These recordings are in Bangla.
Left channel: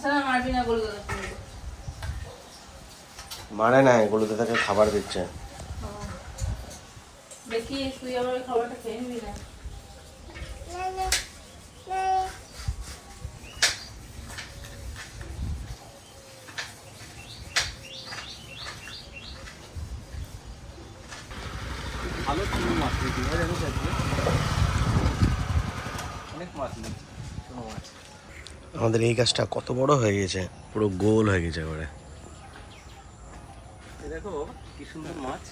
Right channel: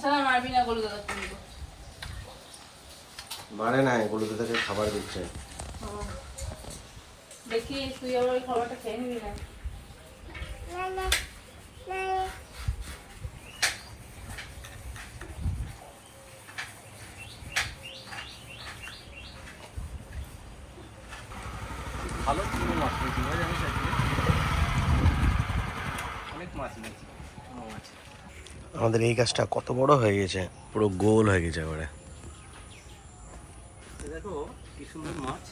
আসলে নাই না না তাকে খাবার দিচ্ছে। দেখি তুই আমার ওই খাবারটা খেয়ে নিবি না ভালো চুনো মাছ নিয়েছি ভাই আমি চাইছি অনেক মাছ নিয়েছি চুনো মাছ আমাদের এই গাছটা কত বড় হয়ে গেছে? পুরো গোল হয়ে গেছে এবারে দেখো কি সুন্দর মাছ।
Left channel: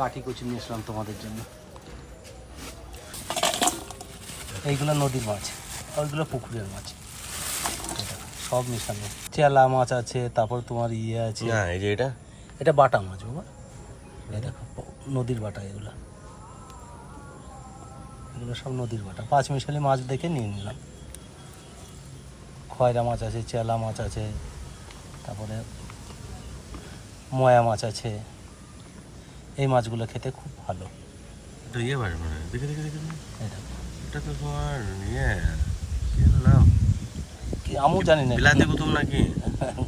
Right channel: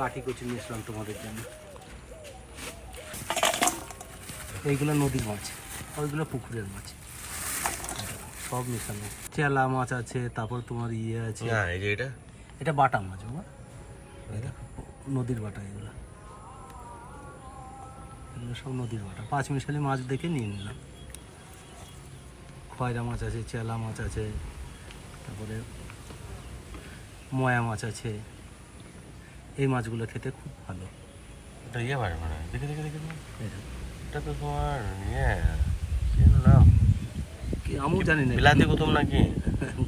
গাঠি কচি নিয়ে এসলাম তোমাদের জন্য। এইগুলো নদীর মাছ আর ওইগুলো পুকুরের মাছ। সব মিশানো। চেলা মাছ আছে তারপর তোমার ইয়ে আছে। না এই যে এটা? এটা বাটা মাছ বাবা। দেখো নদীর বাটা এগুলো। এগুলো সব নদীর বাটা। পাঁচ মিশালি মাছ দেখে নিয়ে নিলাম। খয়রা মাছ আছে চেলা মাছ আছে তারপরে ময়া মাছ আছে। এই মাছগুলো খেতে খুব ভালো। এটা ইয়ে মাছ মানে দেখে দেখে দেখে। এটা। এটা তো তোমার ইয়ে কি নাম? আমিও জানি না। বিলাতি কুতুম নাকি?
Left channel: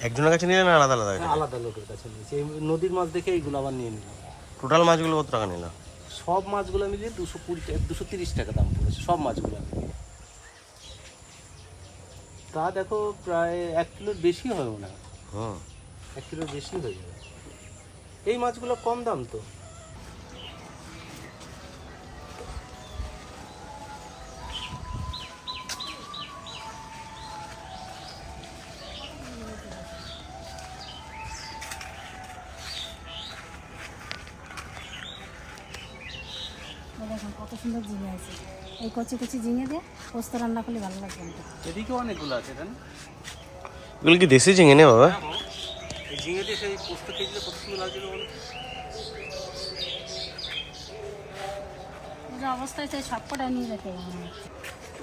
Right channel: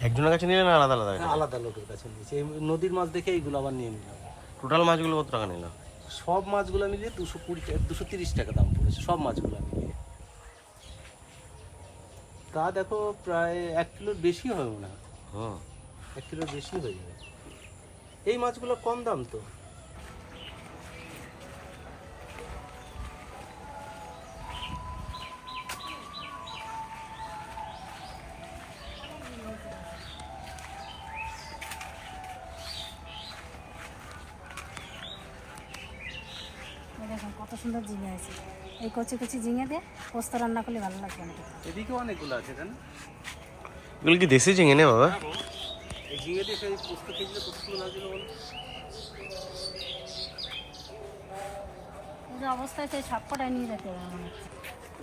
একজনের কাছে নিলে না আলাদা আলাদা আলাদা লোকের কাছে নিয়েছি। এই নদীর মাছ দেখে এইগুলো আবার নিয়ে নিলাম। টোটাল মাছগুলো কত টাকা নিল? সব মাছগুলো মিলিয়ে দুশো কুড়ি টাকা দুশো তিরিশ টাকা দাম পড়েছে সব মাছগুলো মিলিয়ে তা দেখো প্রায় এক কিলোর বেশি হবে না হয়। হুম। এক কিলোর বেশি হয়ে যাবে। এই মাছগুলো কম দাম তো। সুন্দর ঝিঙে আছে এই কচি কচি ঝিঙে দিয়ে পোস্ত রান্না করলে ভালো লাগবে আমাকে এদিকে অনেকগুলো আছে জান এগুলো কি দেশি ঝিঙে নে বাবা? এই ঝিঙে দিয়ে সেই পোস্ত খেয়েছিল কত সুন্দর লাগছিল বলো যে অবস্থায় সেই নিয়ে যেতে হবে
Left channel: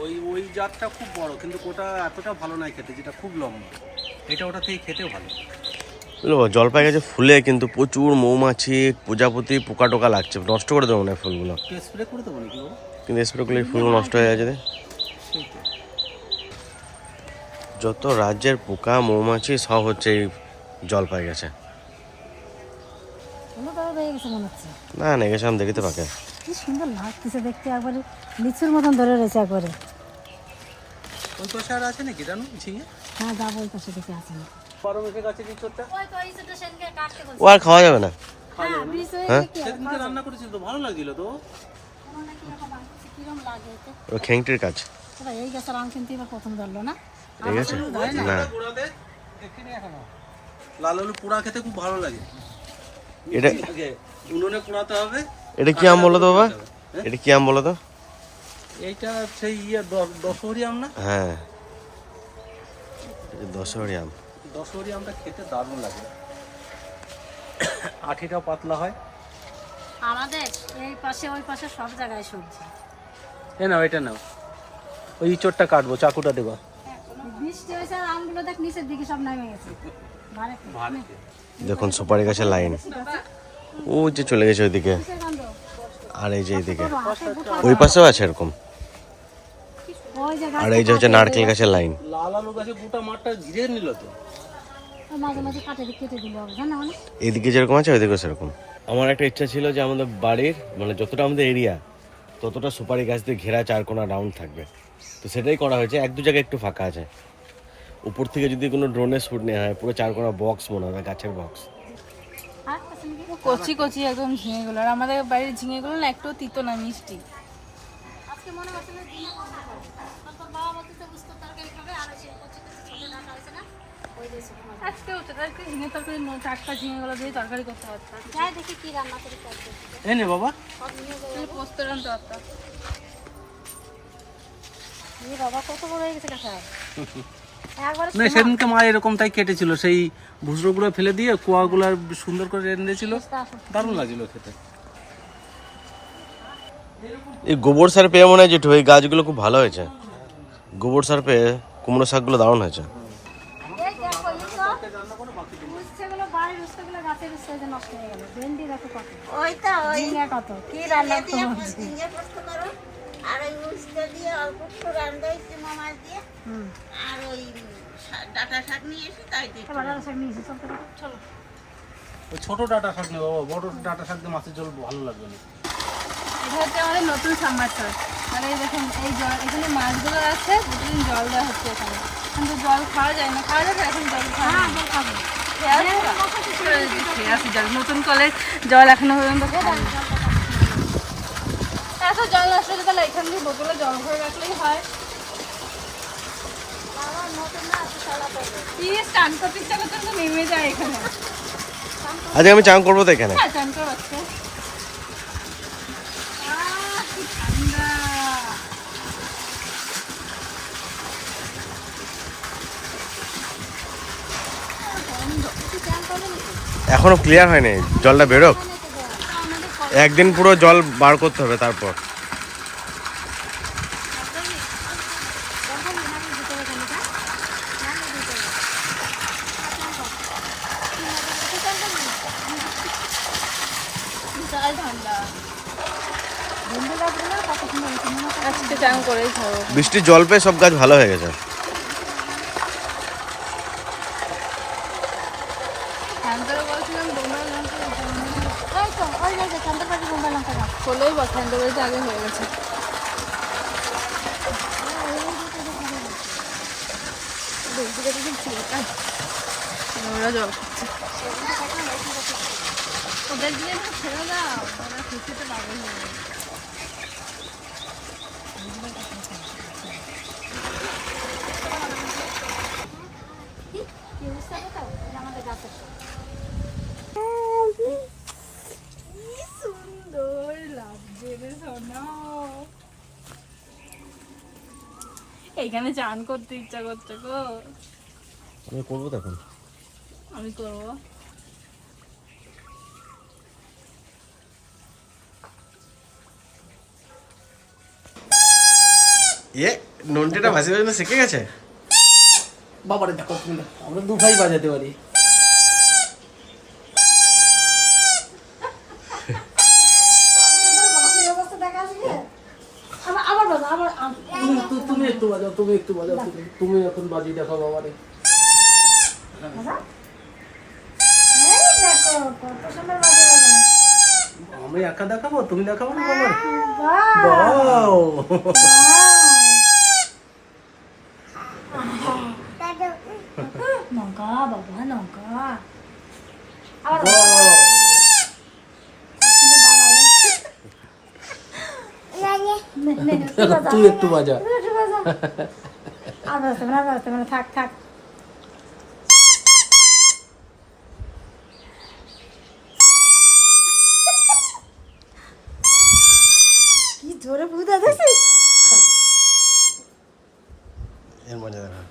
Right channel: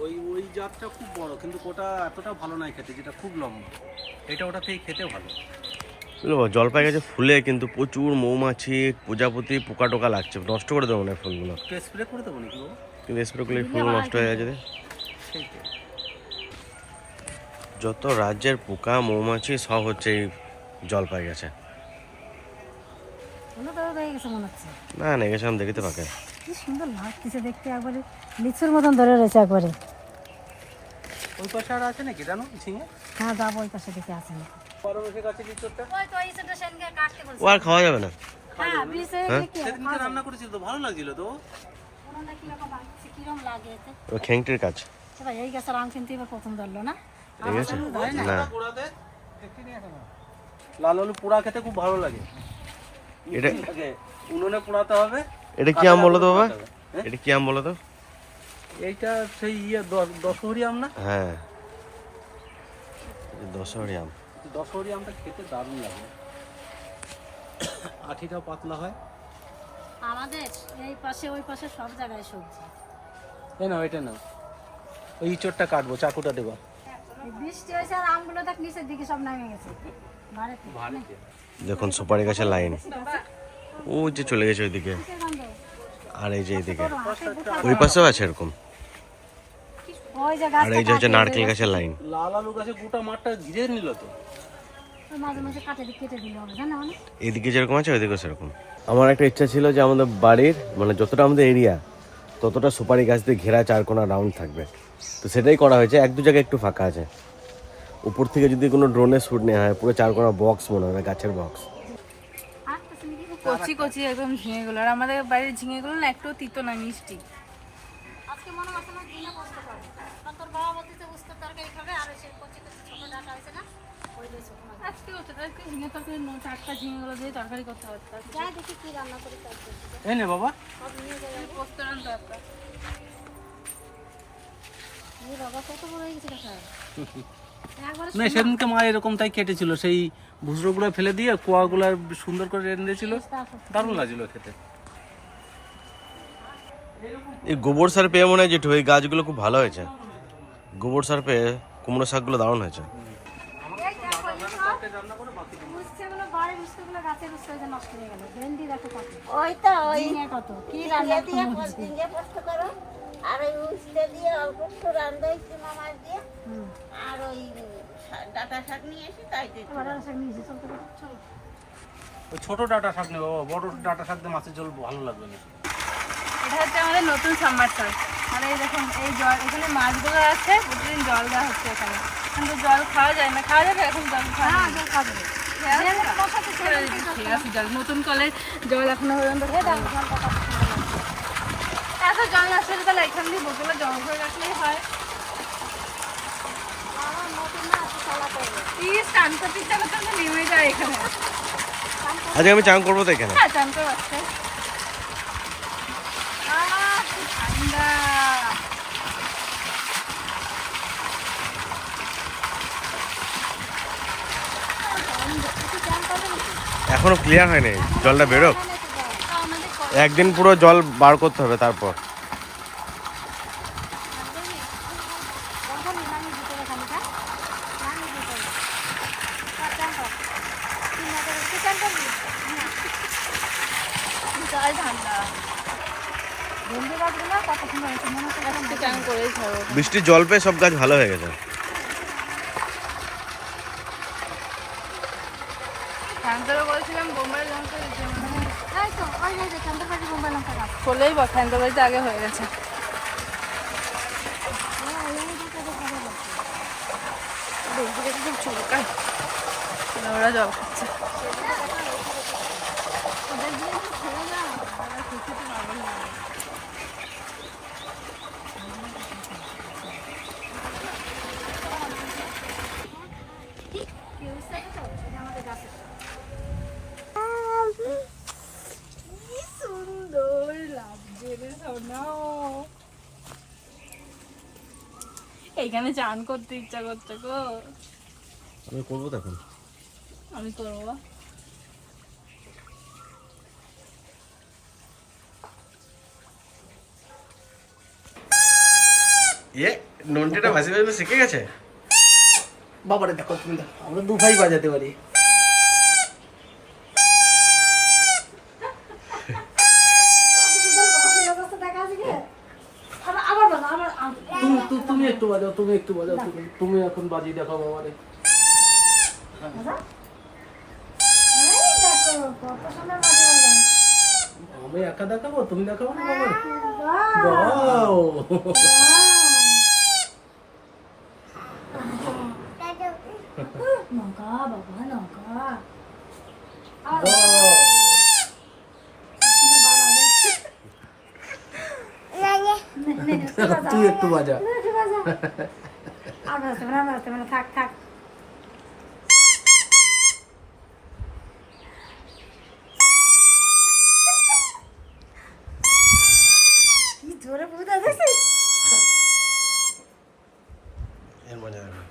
ওই ওই জাতটা খুব বড় কিন্তু ওটা এতটা ভালো নয় খেতে যেটা খুব লম্বা। এটা ওটা থেকে খেতে ভালো। জলপাই গাছে ফুলে কিন্তু প্রচুর মৌমাছি প্রজাপতি পোকা টোকা লাগছে। নষ্ট করে দেবো না ফুলগুলো। স্প্রে করে দেবো নাকি কিন্তু স্প্রে করলে ফুলগুলো নষ্ট হয়ে যাচ্ছে রে। যত রাজ্যের পোকা মৌমাছি সব হচ্ছে এই জলপাই গাছে গেছে মনে না না গেছিলাম দেখিতে পাকে। কি সুন্দর লাগতেছে দেখতে একবারে। লিচুর মতন ধরে রয়েছে একবারে। ওই পাশে আর আছে নাকি? জানো ঝিঙে? হ্যাঁ যাব ওই পাশে দেখে আছে ওই তো এই ও আর খাওয়া যাবে না? হ্যাঁ হ্যাঁ? সেদিনকে রান্না করেছিল তো ভালো লাগছিল তো? কোনটা কীরকম লাগছে কীরকম লাগে এতে? ও খেংটির কাজ। এই গাছের আম কিন্তু এবার প্রথম ধরলো না? ঠিক আছে। না। পোড়াতে দেখিনি এখনও লাল আলু পোড়া খেতে খুব ভালো লাগে। এটা উনুনে পোড়াতে হবে। এটা কি আম বলো তো বাবা? এটা কি আম বলো তো? এইটা সেই ইয়ে দশহরি আম না? হ্যাঁ। দশহরি আম। দশহরি আমটা খেতে দারুণ লাগে। আঠিটা পাতলা হয়। আমাদের এই পাশে ওই পাশে সব জায়গায় সবজি। এ নাও এটা নাও। ওই ইঁচড়টা কাটবো চাকুটা দেবো। বৃষ্টি হয়েছে আর আমগুলো দেখ নিচের দিকে সব নেমে গেছে। ভারে দেখুন সুপারি গাছের লাইন। ও যে চলে গেছে ওইদিকে। আর এই যে এইদিকে। ওই পাশেও আছে এরকম। আর এই যে হচ্ছে নারকেল গাছের লাইন। লাল আলু গাছে গোটা মাঠটা ঘিরে নিল তো। ওই মাঝে মাঝে কাটে দিয়ে কেটে দিলে হবে জানো এদিকে যেরকম আছে ওইদিকে সেরকম। আমার একটা ইচ্ছা ছিল যে আমাদের বাড়ির মানে যতটা আমাদের এরিয়া ততটা সুপারি গাছ দিয়ে ঘেরা চারকোনা রাউন্ড থাকবে। তো সেটাই করা হয়েছে এক দু জায়গায় একটু ফাঁকা আছে। উপর থেকে যদি কোনো ড্রোনের শ্যুট নেওয়া হয় পুরো চারকোনা বক্স মনে হবে গাছের বক্স কচি কচি একদম ঝিঙেগুলো আর আমাদের বাড়ির ঝিঙেগুলো না একটু তিতো না মিষ্টি। আজকে মনে করছে না দিনে বসতে পারবে কারণ তোর বাবা বলতেছে উস্কো তরকারি খাবে আর ওই সে কচি কচি ছোট ডাটা হয়েছে না ওই দিয়ে ছোট মাছ আজকে হচ্ছে আজকে ঝিঙে তরকারি টাটকা ঝিঙেগুলো দিয়ে তরকারি করতে পারতাম যাই দেখি কি রান্না করি এই নে বাবা। পোস্ত রান্না পারতাম বাবা কত বড় হয়ে গেছে কাঁচা না সেদিনকে মা এরকম তাই কেটেছিল সেই ভুসরোগুলো ফেলে দিয়ে কোয়াগুলো সুন্দর করে রেঁধেছিল দারুণ লাগছিল খেতে। এই গোবর সার পেয়ে মনে হয় যেটু এই গাছগুলো খুব ভালো হয়েছে। গোবর সার পেয়ে কুমড়ো শাকগুলো দারুণ হয়েছে এই দেখো এই সব উচ্ছেগুলো বাড়ি বাড়ির উস্তাগুলো গাছের উস্তা যে নষ্ট হয়ে গেল। ভেন্ডি দেখো কত। ওই তো ওই ঝিঙে কত। কি রান্না দিয়ে করব? ঝিঙে পোস্ত করো। আর ওই উস্তে দিয়ে অল্প একটু রান্ধা হয়েছে মাছ দিয়ে। আর ওই শা- শাক নিয়ে এসে তাই দিয়ে এবার আর সব নিয়েছি চলতে চলো। ওই ছোট ডাটা শাক নেই বাবা। বড় ডাটা শাক দিয়ে মাছের ঝোল ভালো লাগবে না। এটা হচ্ছে আমাদের নতুন সাম্বার মানে এই দেখুন এই জল এখানে মাছগুলো আছে প্রতিদিন জল দেওয়া হচ্ছে এখানে। কিন্তু জল খাওয়া যায় না। খাওয়া যাবে? এখন জল খাওয়া যায় না। জল নতুন জল এখনও পর্যন্ত জল তাহলে এখান দিয়ে বোতলে রাখলেই হয় আজকে আমি চান করব তো এখানে। হ্যাঁ চান করে বাচ্চা ঠান্ডা। এখনও ক্লিয়ার হয়নি জলটা বেরোক। একদিন পুরো জল বার করতে হবে তারপর। বৃষ্টির জল পেয়ে সব গাছ ভালো হয়ে গেছে ঠান্ডারও বলছিলাম বোম্বাই লঙ্কা দিতে মানে এই তো ওই যে যে চন্দ্রপাতি বোম্বাই লঙ্কা আগে হয়ে গেছে। দেখতে দেখতে খুব চুলকায় ওরা জল খাচ্ছে। ওদের দিয়ে ছেড়ে দাও ওরা খুশিতে পাগল হয়ে যাবে তো এটা আমাদের তো। কি সুন্দর লাগছে রে সোনা এইখানে চান করতে ইচ্ছা করছে গো। আমি করব তখন আমি করব। ইয়ে নন্টিটা ভাসি ভাসি শিখে গেছে? বাবারে দেখো তুমি দেখো আমরা দু ভাই বাজাতে পারি। তুমি একটু বাজাও তুমি- এখন বাজি দেখো বাবারে বাজা। বাজে বাজে আমি একা দেখাবো তুমি দেখাবো না বাবার বাহ বাও লঙ্কা বাবা লঙ্কা আবার বাও তুই একটু বাজা আর বাজতে না বাজতে না থাক থাক কি জোরে বুঝতে দেখছিস এর মজা দেখো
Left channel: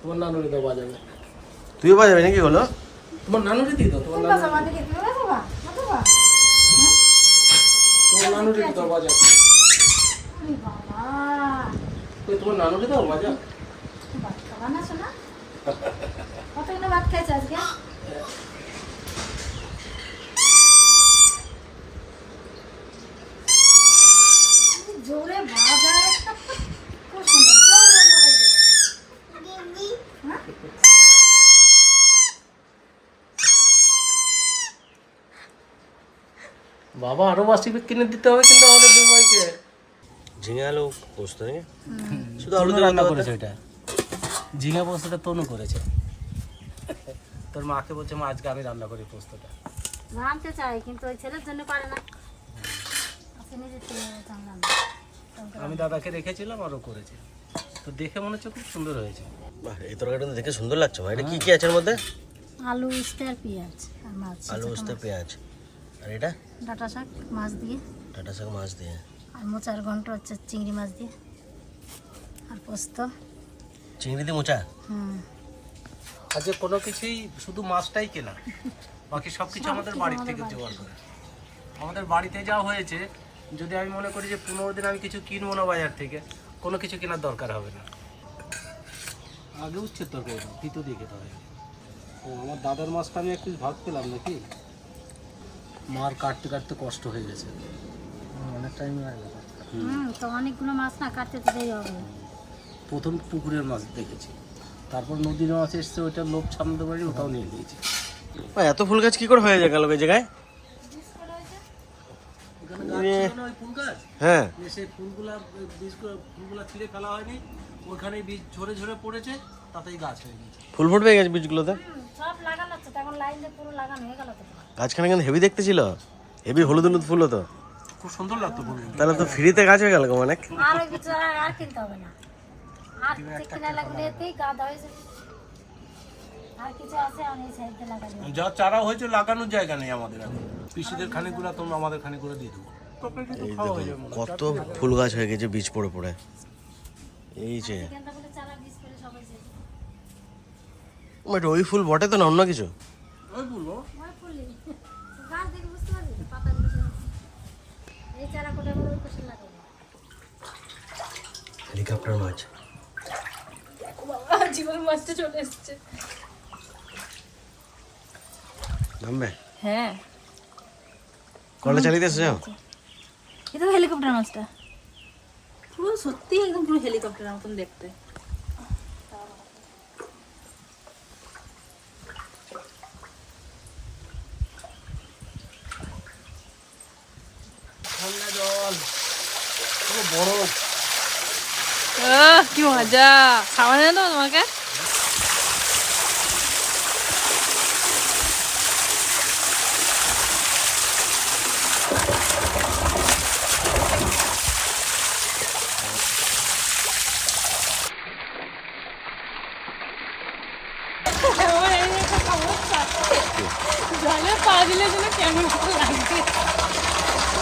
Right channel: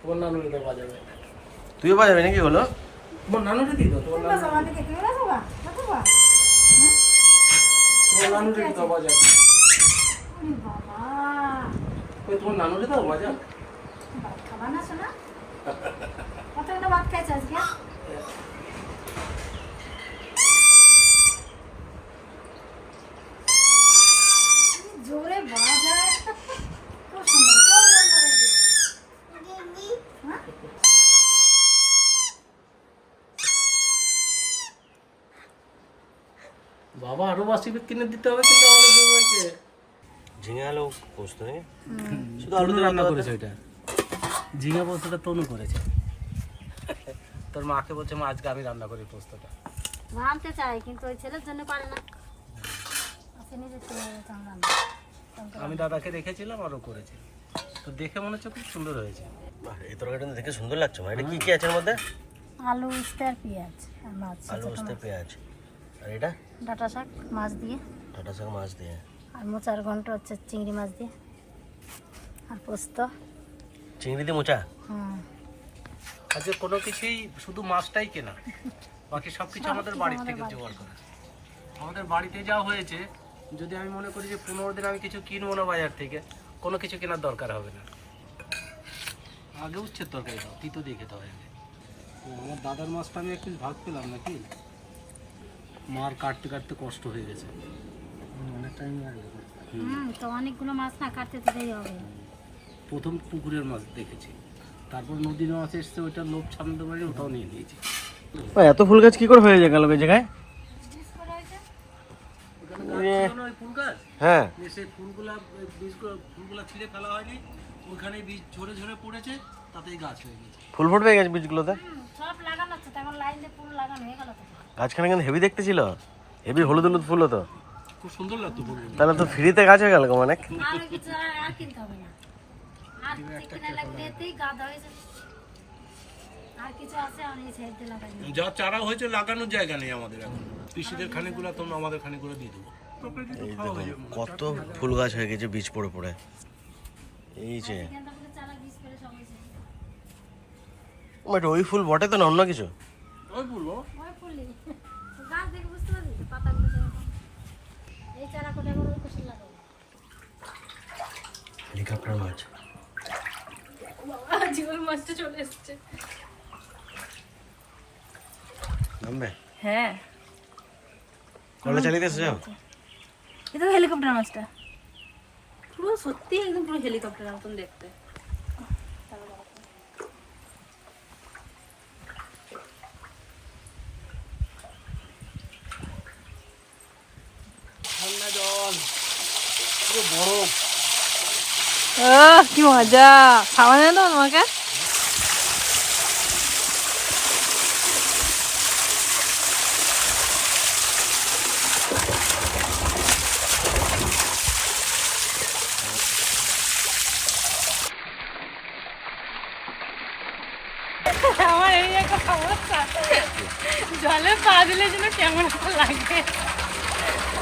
তোমার নানুরি তো বাজাবে তুইও বাজাবি নাকি হলো তোমার নানুরি দি দাও তোমার তুমি নানুরি বাজা আমাদের তুমি বাজা বা বাজা তোমার নানুরি দাও বাজা বাবা এই তোমার নানুরি দাও বাজা ভাত খাবা না? শোনা কতগুলো ভাত খাইছে আজকে? জোরে বাজায় খুব সুন্দর খুব সুন্দর হয়েছে। বাবা আরও বাসি কিনে দিতে হবে কিন্তু আমাদের দুই ভাইকে। ঝিঙে আলু পোস্ত শুধু আলু রান্না করেছে ওইটা। ঝিঙা পোস্তটা তনু করেছে। তোর মাকে বলছে মা আজকে আমি রান্না করি পোস্তটা। রাঁধতে চাই কিন্তু ওই ছেলের জন্য পারে না। আচ্ছা আমি দাদাকে রেখেছিলাম আরও করেছে। তো দেখে মনে হচ্ছে খুব সুন্দর হয়েছে। বাহ, এই তরকারিটা দেখে সুন্দর লাগছে মা। এটা কি কি আছে এর মধ্যে? আলু উস্তে আর পেঁয়াজ আর মাছ। আলু উস্তে পেঁয়াজ। আর এটা? ডাটা শাক মাছ দিয়ে। টাটা শাক মাছ দিয়ে। আর মোচার ঘন্ট হচ্ছে চিংড়ি মাছ দিয়ে আর পোস্ত। চিংড়ি দিয়ে মোচা? হুম। আজকে কোনো কিছুই শুধু মাছটাই কেনা? বাকি সব কিছু আমাদের বাড়ির থেকে জোগাড় করে। আমাদের বাড়িতে যা হয়েছে যদি আমি মনে করি যে পনেরো দিন আমি কিছু কিনবো না বাজার থেকে কোনো কিছু কেনার দরকার হবে না। আগে উচ্ছে তরকারি দাও তিতো দিয়ে খেতে ও, আমার দাদার মাছটা আমি একটু ভাগ পেলাম নাকি? মার কাটতে কাটতে কষ্ট হয়ে গেছে। অনেক টাইম লাগবে হুম তো অনেকগুলো মাছ না কাটতে তো দেরি হবে। প্রথম পুকুরের মাছ দেখেছি। তারপর নদীর মাছ এসছে ওইটা লোভ সামলাতে পারি ওটাও নিয়ে নিয়েছি। ও, এত ফুল গাছ কি করে হয়ে যায় গেল ওই জায়গায়? এ, ফুল গাছ। হ্যাঁ। সেই ফুলগুলা বীজগুলো ফুলগুলা ছিঁড়ে ফেলা হয়নি ওখানে বীজ ঝরে ঝরে পড়েছে তাতেই গাছ হয়ে গেছে ফুল ফুটবে গেছে বীজগুলোতে? সব লাগানো হচ্ছে তখন লাইন দিয়ে পুরো লাগানো হয়ে গেল গাছখানে কিন্তু হেভি দেখতে ছিল? হেভি হলুদ হলুদ ফুল হতো। খুব সুন্দর লাগতো ফুলগুলো তাহলে তো ফ্রিতে গাছ হয়ে গেল গো অনেক আর কিছু আর কিনতে হবে না। আর কিনা লাগবে এতেই গাদা হয়ে যাবে। আর কিছু আছে আমি এই সাইডে লাগাই যা চারা হয়েছে লাগানোর জায়গা নেই আমাদের এখন। পিসিদের খানিকগুলো তোমরা আমাদের খানিকগুলো দিয়ে দেবো। এই দেখুন কত ফুল গাছ হয়ে গেছে বীজ পড়ে পড়ে। এই যে। ওই ফুল বটে তো না অন্য কিছু? ওই ফুলি গাছ দেখে বুঝতে পারবি পাতাগুলো সব। এই চারা কোটা আবার ওই পাশে লাগাবো হেলিকপ্টার মাছ জীবন মাছটা চলে এসছে নামবে হ্যাঁ। কলে চালিয়ে এসেছ? এটা হেলিকপ্টার মাছটা পুরো সত্যি একদম পুরো হেলিকপ্টারের মতন দেখতে ঠান্ডা জল পুরো বরফ কি মজা। খাওয়া যায় তো তোমাকে? জলে পা দিলে যেন কেমন একটা লাগে ও অনেকটা জল গেছে তো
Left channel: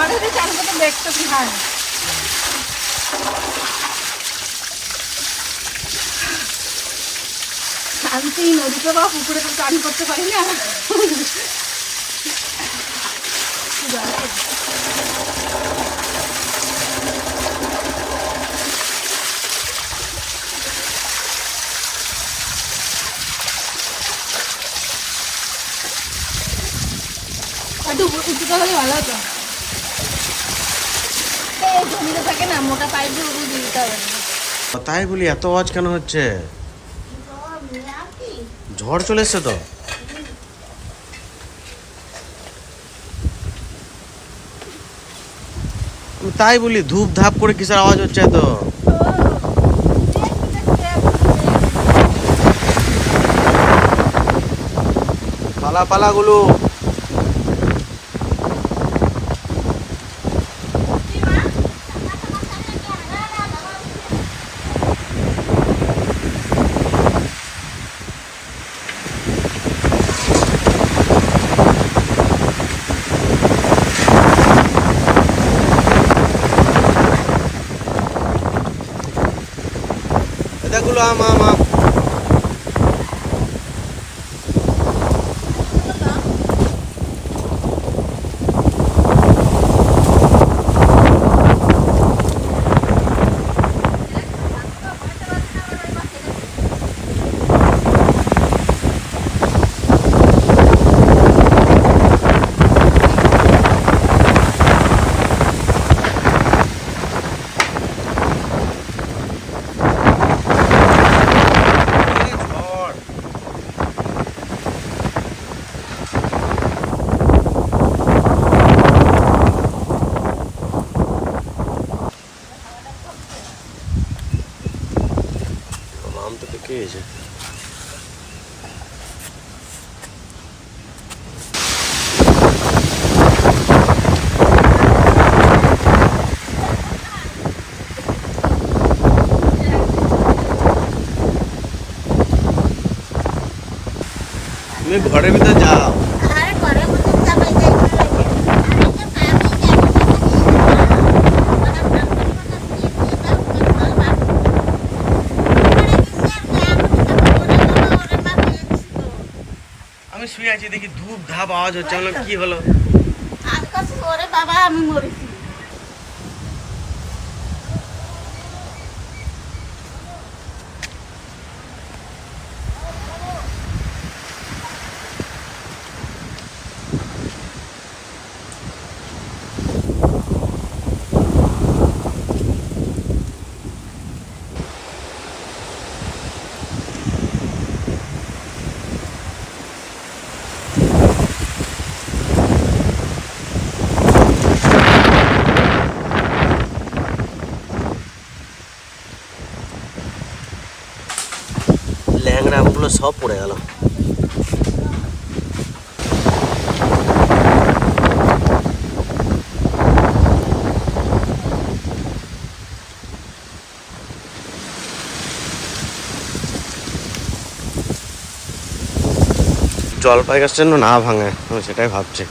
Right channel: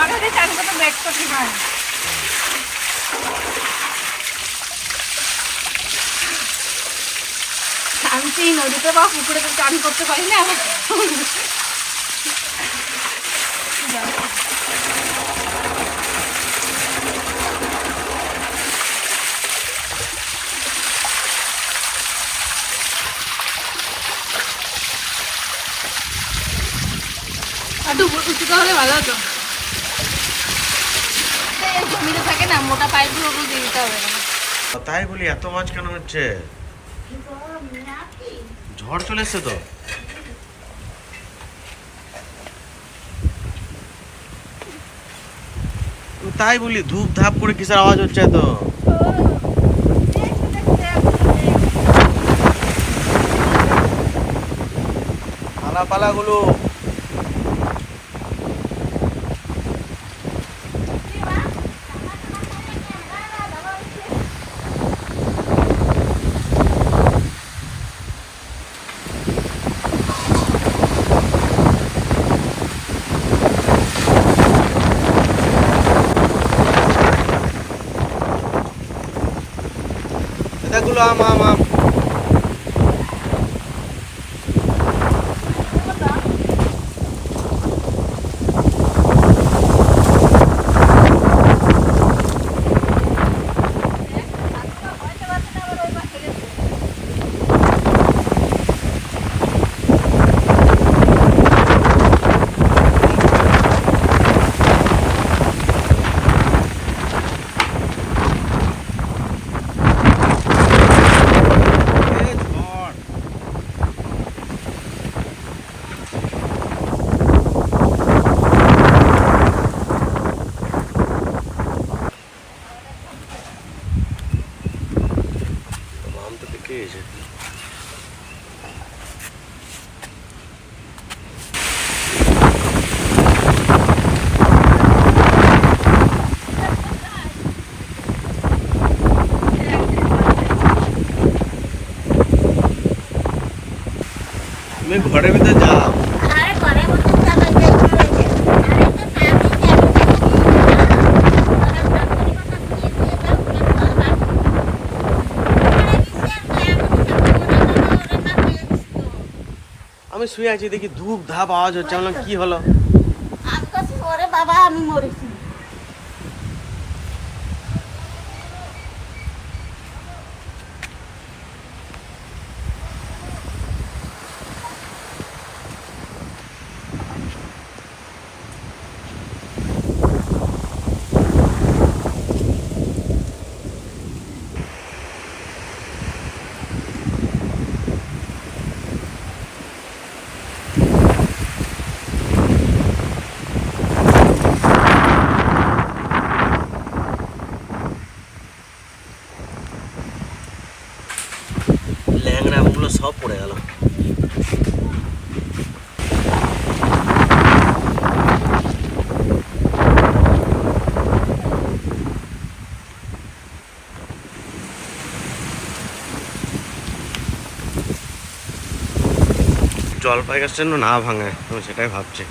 চান করতে আমি তো এই নদীতে বা পুকুরে তো চান করতে পারি না একটু উঁচুতে হলে ভালো হতো এই জমিতে থাকে তাই বলি, এত আওয়াজ কেন হচ্ছে? ঝড় চলে এসছে তো। তাই বলি ধূপ ধাপ করে কিসের আওয়াজ হচ্ছে তো পালা পালা গুলো এটাগুলো আম আম আম ঝড় আম তো পেকে গেছে তুমি ঘরের ভিতরে যাও। আমি শুয়ে আছি দেখি ধূপ ধাপ আওয়াজ হচ্ছে। কি হলো? বাবা আমি মরেছি ল্যাংড়া আমগুলো সব পড়ে গেল জলপাই গাছটা যেন না ভাঙে, আমি সেটাই ভাবছি।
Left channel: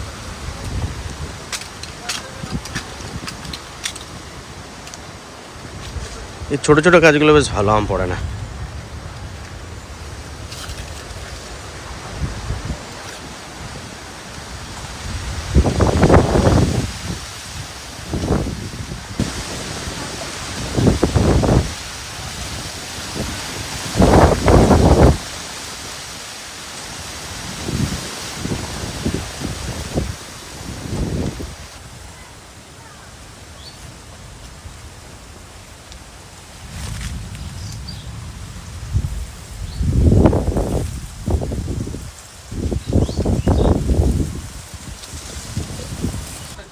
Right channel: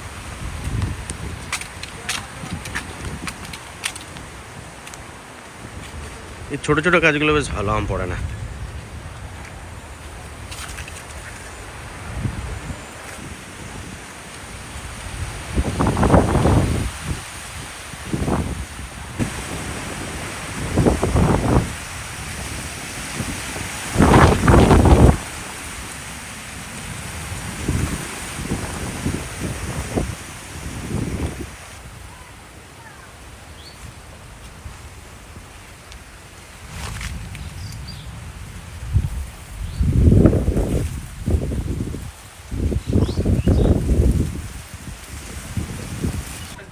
এই ছোট ছোট কাজগুলো বেশ ভালো আম পড়ে না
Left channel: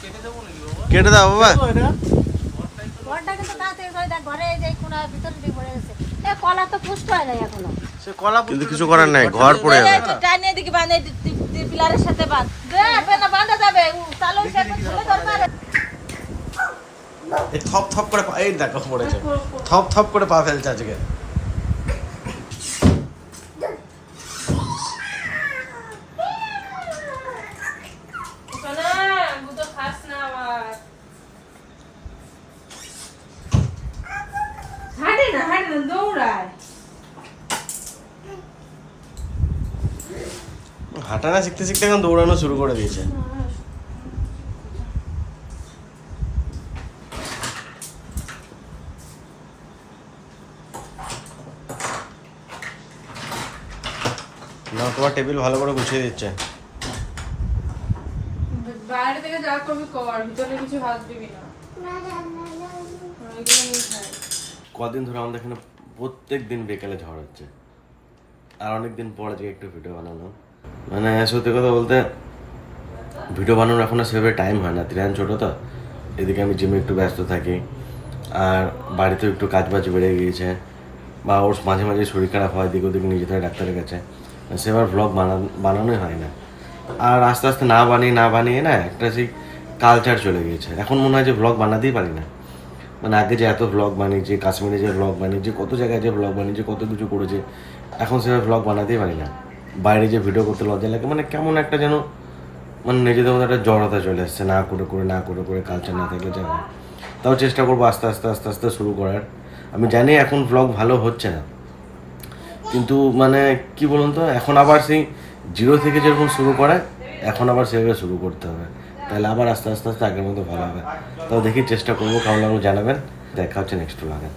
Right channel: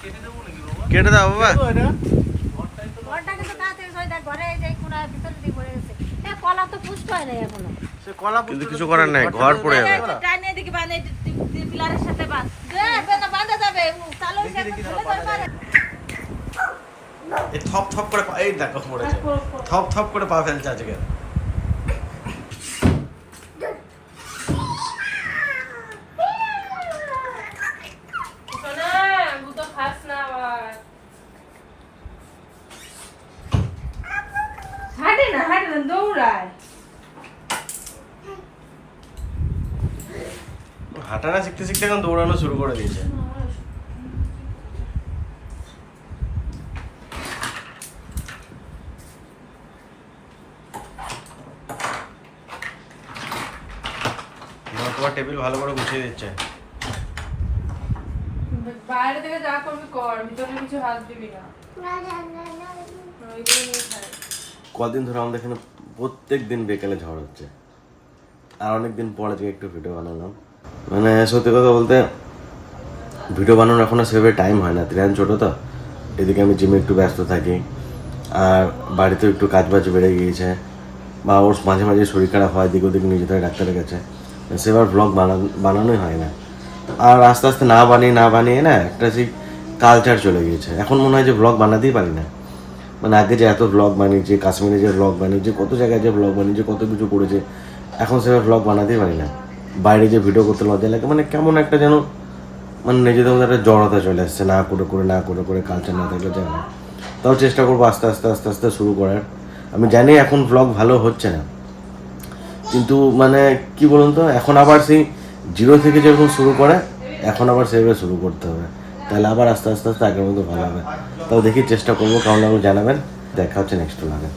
কেটে দেবো নাকি বাবা কেটে দাও বাবা ঘরটা কিন্তু তাড়াতাড়ি হয়, দেখ, ঘরে এই যে কোণার ভিতরে দিয়ে পড়ে গেছে। এ, কলা তো পুষ্ট হয় নাই এখনও। সে কলা কিন্তু কিছু করার নাই ঘর পড়ে যাবে। এই থপ থপ করে এই দেখো পড়েছে থপ থপ করে পা ফেলছে আজকে সোনা গুতো খাস না আবার হাঁটে না হাঁটে না দৌড়ায় হাঁটা না শিখতে এখন দৌড়ানো শুরু করে দিয়েছে। তোমার টেবিল ভালো করে গুছিয়ে দিচ্ছে। বাইরে থেকে যা করবি কর ভিতরে কিছু হাত দিবি না। কদিন ধরে আমাদের এখানে প্রত্যেক দিন বিকেলে ঝড় হচ্ছে। আর অনেক দিন পরে থেকে একটু ভিডিও বানালাম। মানে সত্যি কথা বলতে ভিডিও বানানোর এখন আর সেভাবে টাইম হয় না। ত্রিয়ান ছোটো তো, এদিকে আমি জিমে একটু ব্যস্ত থাকি। আর বাড়িতেও একটু কাজ বাজ বেড়ে গিয়েছে। বা ওর মাঝে মাঝে শরীর খারাপ হয় দিক ওদিক নিয়ে যেতে হয়, ডাক্তারের কাছে। মানে সেবার ব্লগ বানানোই হয় না। আর আস্তে আস্তে না বানিয়ে না বানিয়ে না, একটা সেই কালচার চলে গিয়েছে। এখন মনে হয় যে ব্লগ বানাতেই পারি না। মানে আগে যে এত ব্লগ বানিয়েছে, কাশ্মীরে যে ব্লগ বানিয়েছে, কত জায়গায় যে ব্লগ বানিয়েছে, কত কিছু করেছে, এখন সেভাবে ব্লগ বানাতেই পারি না। বাইরে যে ভিডিও করতে লজ্জা লাগে। মানে কেমন একটা যেন মানে নিজেদের মধ্যে একটা জড়তা চলে আসছে, না করে করে, না করে করে কালচার না থাকলে যায় না। তাও চেষ্টা করব আস্তে আস্তে আস্তে আস্তে শুরু করার। আমি জানি এখন ব্লগ ভালো হচ্ছে না। কিন্তু মানে কি বলুন তো, এখন আবার সেই জিরো থেকে যেরকম শুরু করে, এখন আবার সেভাবে শুরু করতে হবে। তাহলে আবার আস্তে আস্তে আস্তে আগের মতো ভালো হবে। তাও দেখি চেষ্টা করব, কেমন লাগবে জানাবেন। দেখা হচ্ছে নেক্সট লাগে